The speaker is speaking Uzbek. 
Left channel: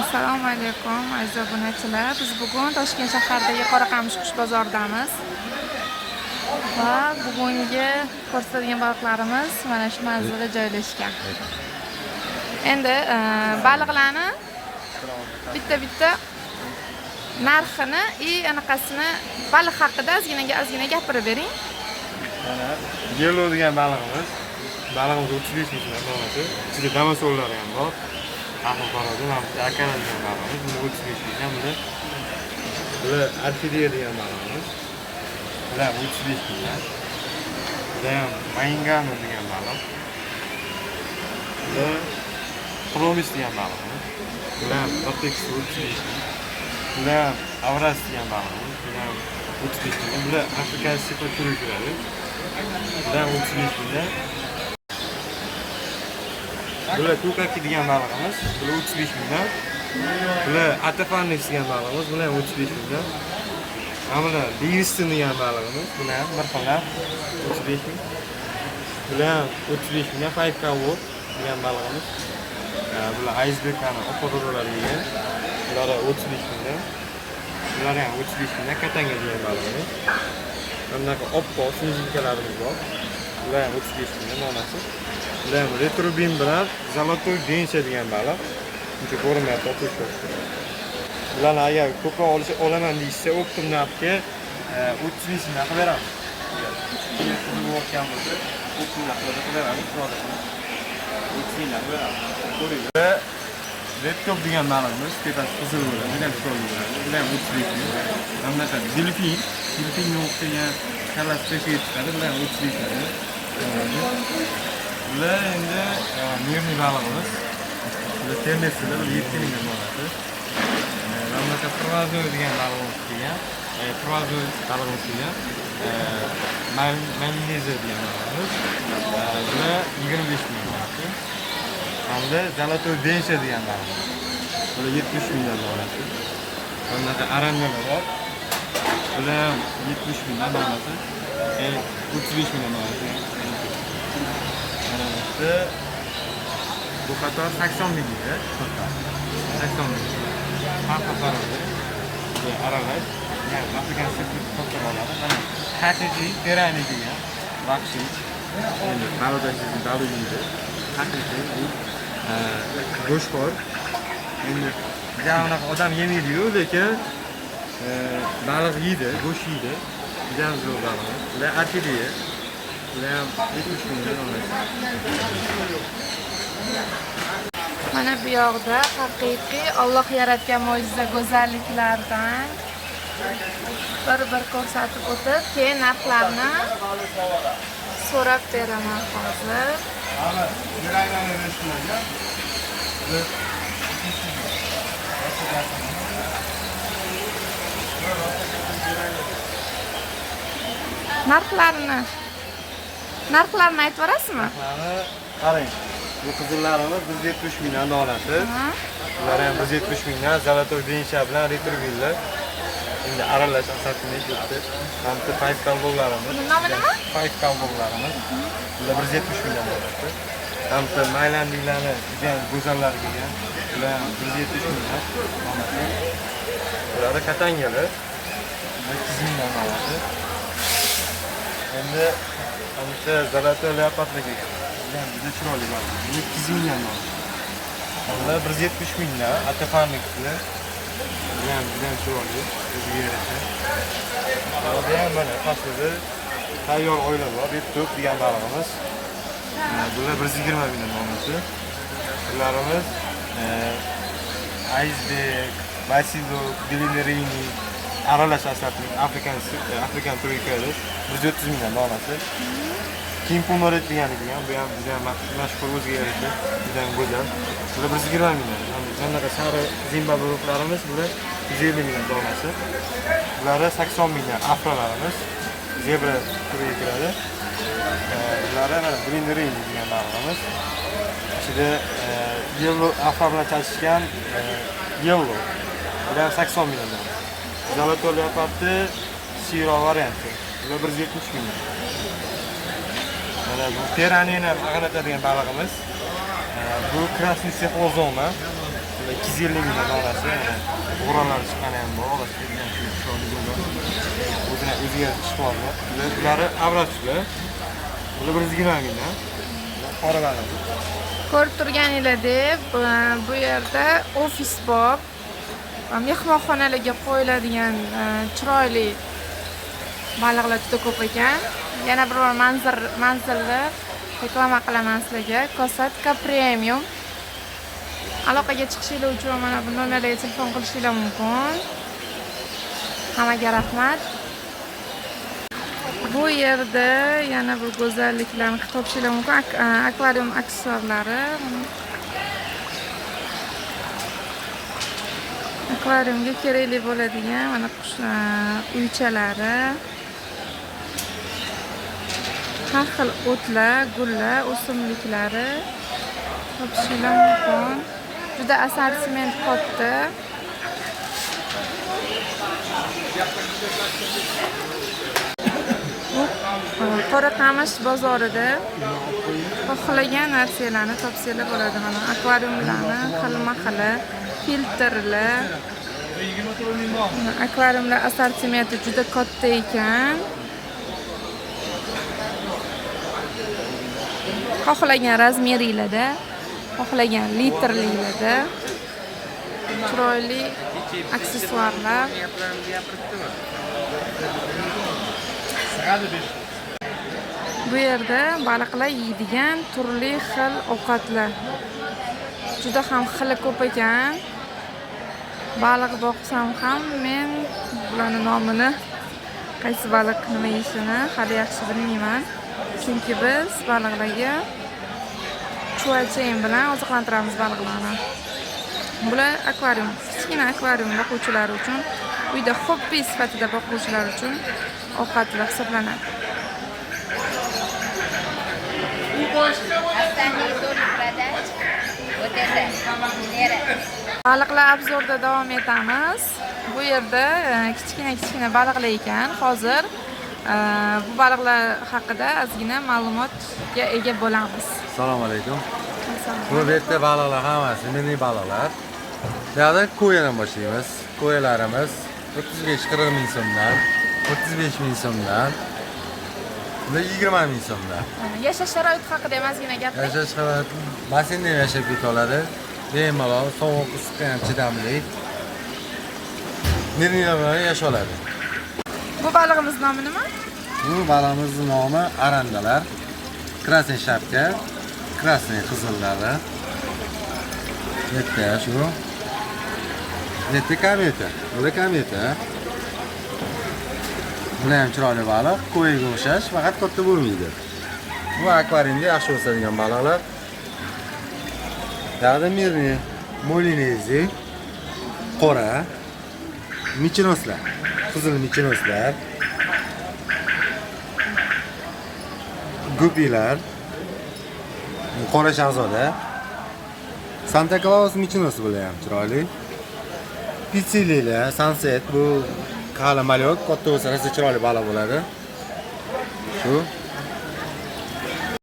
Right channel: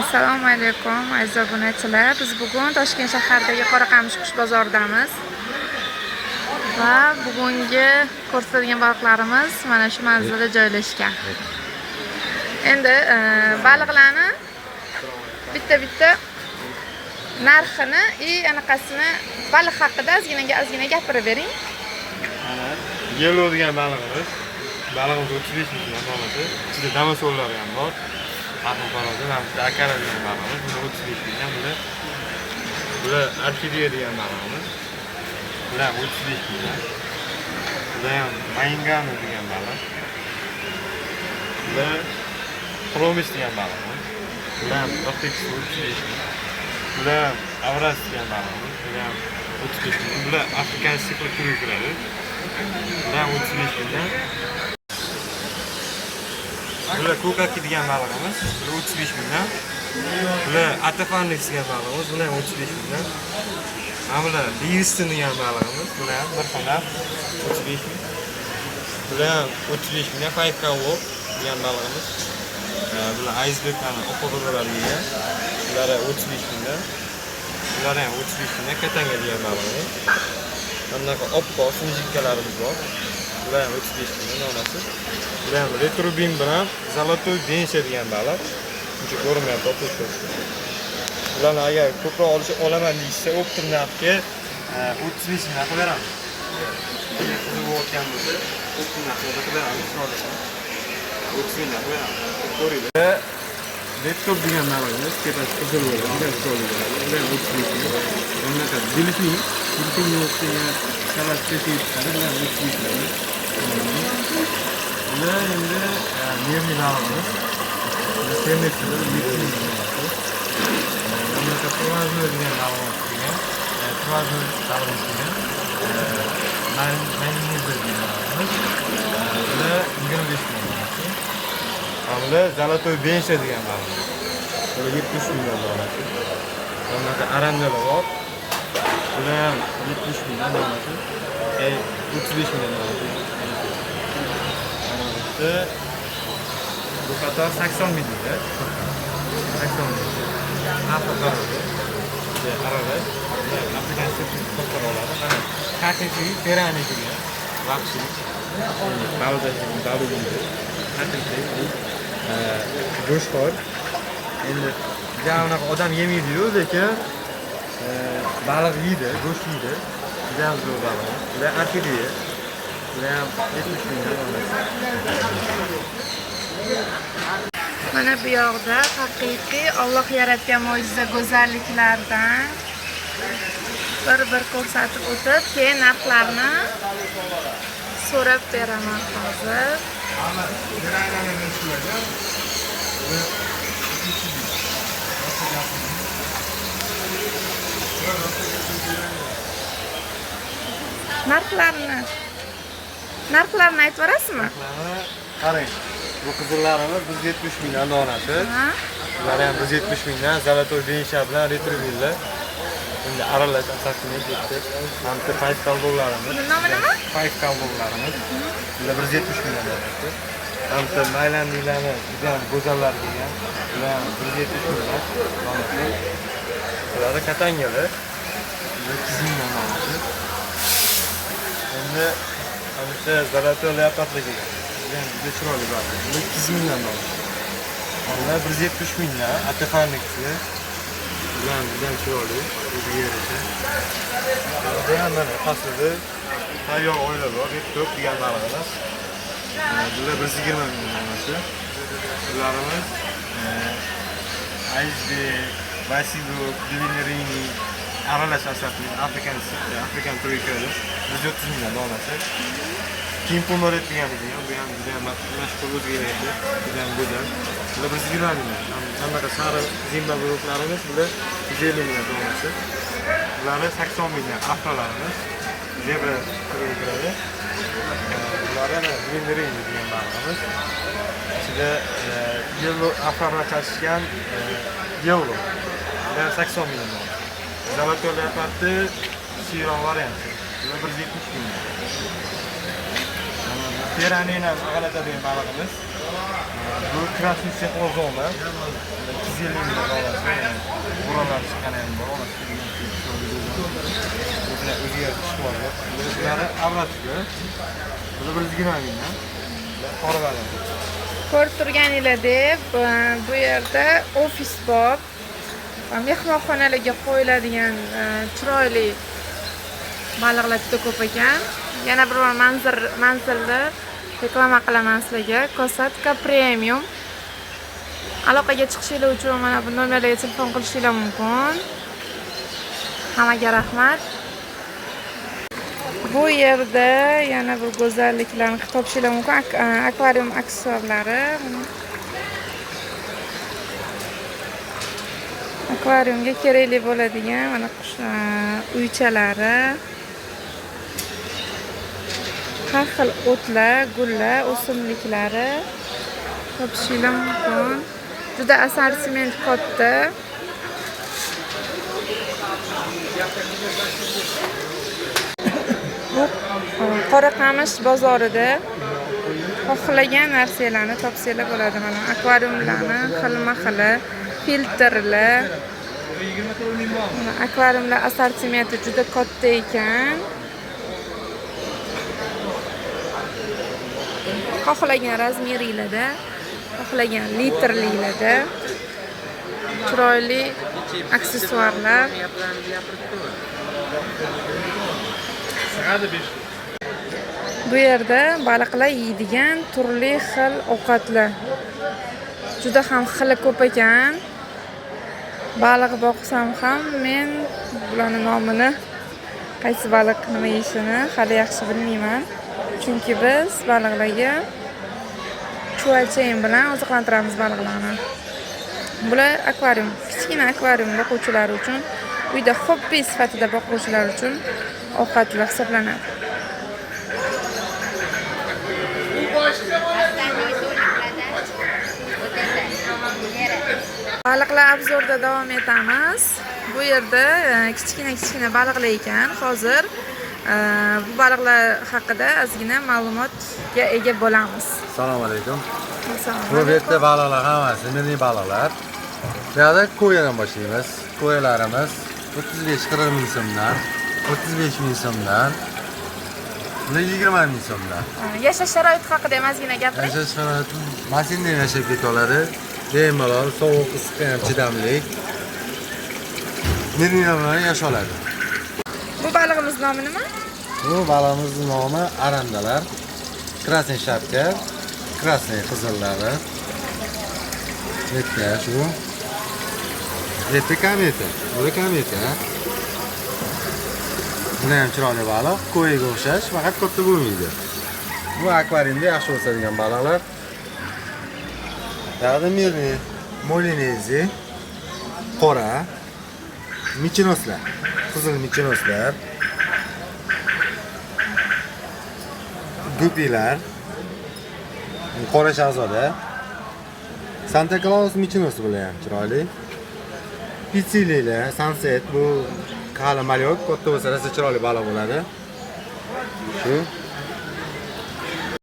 Assalomu alaykum aziz obunachilar. Biz bugun Toshkent shahridagi Qoraqamish qush bozoridamiz. Va bugungi ko'rsatadigan baliqlarimiz mana shu manzilda joylashgan. Endi baliqlarni bitta-bitta narxini anaqasini baliq haqida ozgina gapirib bering. Mana yellow degan balig'imiz. Balig'imiz 35 ming donasi. Ichida damasollari ham bor. Aql parodi, mana bu akara degan balig'imiz. Buni 35 ming buni. Bular orxideya degan balig'imiz. Bular 35 ming. Bular ham mayingani degan baliq. Bular promis degan balig'imiz. Bular ham 35 ming. Bular avras degan balig'imiz. Bular ham 35 ming. Bular afrikan sipil turi kiradi. Bular 35 ming. Bular kokaki degan balig'imiz. Bular 35 ming. Bular atafanix degan balig'imiz. Bular 35 ming. Bular Livingston degan balig'imiz. Bular bir xona 35 ming. Bular 35 ming. Five cow degan balig'imiz. Bular iceberglarni oqo'rlar degan. Bular 35 ming. Bular ham 35 ming. Katanga degan balig'imiz. Bunaqa oppoq sinjikalarimiz bor. Bular ham 35 ming donasi. Bular ham retrubin bilan zolotoy gensha degan baliq. Buncha ko'rinmayapti, oppoq. Bularni agar ko'proq olaman deyishsa, o'ttim narxga 35 ming qilaman. Qizib o'tgan bo'lsa, 30 ming qilaman, chiroyli. 30 ming qilaman. Ko'ringlar. Redkop degan balig'imiz, tepasi qizil bo'ladi, juda chiroyli bo'ladi. Bular ham 35 ming. Bunaqa delfinga o'xshagan kalasi chiqadi, bular ham 35 ming. Bular endi nervli balig'imiz. Bular ternesida 7 ming bo'ladi. Bunaqa provazno degan balig'imiz kelgan. Provazno balig'imiz kelgan. Malineza degan balig'imiz. Bular 25 ming bo'ladi. Bular zolotoy bensha degan balig'imiz. Bular 70 ming bo'ladi. Bunaqa arandalar bor. Bular ham 70 ming bo'ladi. 35 ming bo'ladi. Bu qator 80 ming edi. 80 ming. Har qatorida aralash, ya'ni afrikan sirtlik qator oladi. Mana haqiqiy terani degan vaqti. Endi baluda yeydi. Haqiqiy go'shtxo'r. Endi unaqa odam yemaydi-yu, lekin baliq yeydi, go'sht yeydi. Juda ham zo'r baliq. Ular orxideya. Bular ham 70 ming donasi. Mana bu yoqda haqiqiy Alloh yaratgan mo'jiza go'zalliklardan bir ko'rsatib o'tib, keyin narxlarni so'rab beraman hozir. Narxlarni aytib berasizmi? Qarang. Bu qizillarimiz 170 mingdan donasi. Bular ham 170 mingdan zolotoy bensha bilan retrieverlar. Endi aralash asabini ketdi. Mana bu five cow-larimiz. Buni nomi nima? Five cow-larimiz. Bular 170 mingdan donasi. Ham bu maylandiylarni juda ham go'zallar kelgan. Bular 170 mingdan donasi. Bular katangalar. 200 mingdan donasi. Endi hamda zolotoy leopardlar kelgan. Juda chiroyli baliq. 200 mingdan donasi. Bular 170 mingdan atafaniksi. Bular juda chiroyli. O'ziga yarasha. Bu ham mana faslida tayyor oila bor. Redkop degan balig'imiz. Bular 120 ming donasi. Bularimiz iceberg, basido, bilinerini aralash asabli afrikan turi kiradi. 130 mingdan donasi. Kimponoret degani ham, bu ham juda mashhur o'ziga yarasha, juda ham go'zal. Bular 120 ming. Bunaqa sariq zimbabveliklarimiz bular 150 ming donasi. Bular 80 ming afrolarimiz. Zebra turiga kiradi. Bular ham bilinerini degan balig'imiz. Ichida yellow afro bilan chachishgan yellow. Bular 80 ming donasi. Zolotoy leopardi siro varianti. Bular 170 ming. Teranini ag'anatadigan balig'imiz. Bu krasniy sexlozonmi? 250 ming bolasi. Bo'ronlar chiqqani ham bor. O'ziga chiqadi. Ular avratiga. Bular 120 mingdan. Qoralar. Ko'rib turganinglardek, bu yerda ofis bor. Mehmonxonalarga qo'yiladigan chiroyli baliqlar juda ko'p ekan. Yana bir manzilni reklama qilaman sizlarga. Kosatka Premium. Aloqaga chiqishinglar uchun mana bu nomerlarga telefon qilishinglar mumkin. Hammaga rahmat. Bu yerda yana bir go'zalliklarni topishinglar mumkin. Akvarium aksessuarlari. Akvariumga kerakli bo'ladigan mana uychalari. Har xil o'tlar, gullar, o'simliklari topishinglar mumkin. Juda assortiment katta. Bu Qoraqamish bozorida xohlagan narsalarni topsanglar bo'ladi. Mana akvariumlarni xilma-xili, filtrlar. Akvariumlar assortimenti juda katta ekan. Xohlagan razmerlarda, xohlagan litrliklarda chiroyli aksessuarlar. Bu yerda baliqlar yeydigan turli xil ovqatlar. Juda ham xili ko'p ekan. Baliq boqsam ham men bularning nomini, qaysi baliq nima yeyishini hali yaxshi bilmayman. Chunki biz baliqlarga chuvalchayin bilan oziqlantiramiz baliqlarni. Bular akvarium, kichkina akvarium boquvchilar uchun, uyda hobbi sifatida boquvchilar uchun ovqatlar hisoblanadi. Baliqlar obzorda davom etamiz. Bu yerda kichkina baliqlar ekan. Hozir bu baliqlar haqida ozgina ma'lumotga ega bo'lamiz. Assalomu alaykum. Bu yerda baliqlar hammasi milliy baliqlar. Bu yerda ko'yadan boshlaymiz. Ko'yalarimiz 35-40 ming so'mdan, 35 ming so'mdan, 20 ming so'mdan. Yashash sharoiti haqida ham ozgina gapiring. Yashash sharoiti mashinada yashab keta oladi. Bemalol, sovuq, issiqqa ham chidamli. Millilar bilan yasha oladi. Bu balig'imiz nomi nima? Bu balig'imizning nomi arandalar. Krasniy shapka, krasniy qizillari. Yetka shu. Yetka kameta. Bu kameta. Bu ham chiroyli baliq, ko'yiga o'xshash, faqat katta bo'lmaydi. Bu akvariumda yaxshi o'sadigan baliqlar. Ya'ni molinezi, qora, michinoslar, qizil michinoslar, gupilar, qora shahzoda, Santa Claus michinosi bilan ham chiroyli. Pitsililar, sunset bu qala malyoq, katta bo'lsa chiroyli baliq bo'ladi. Shu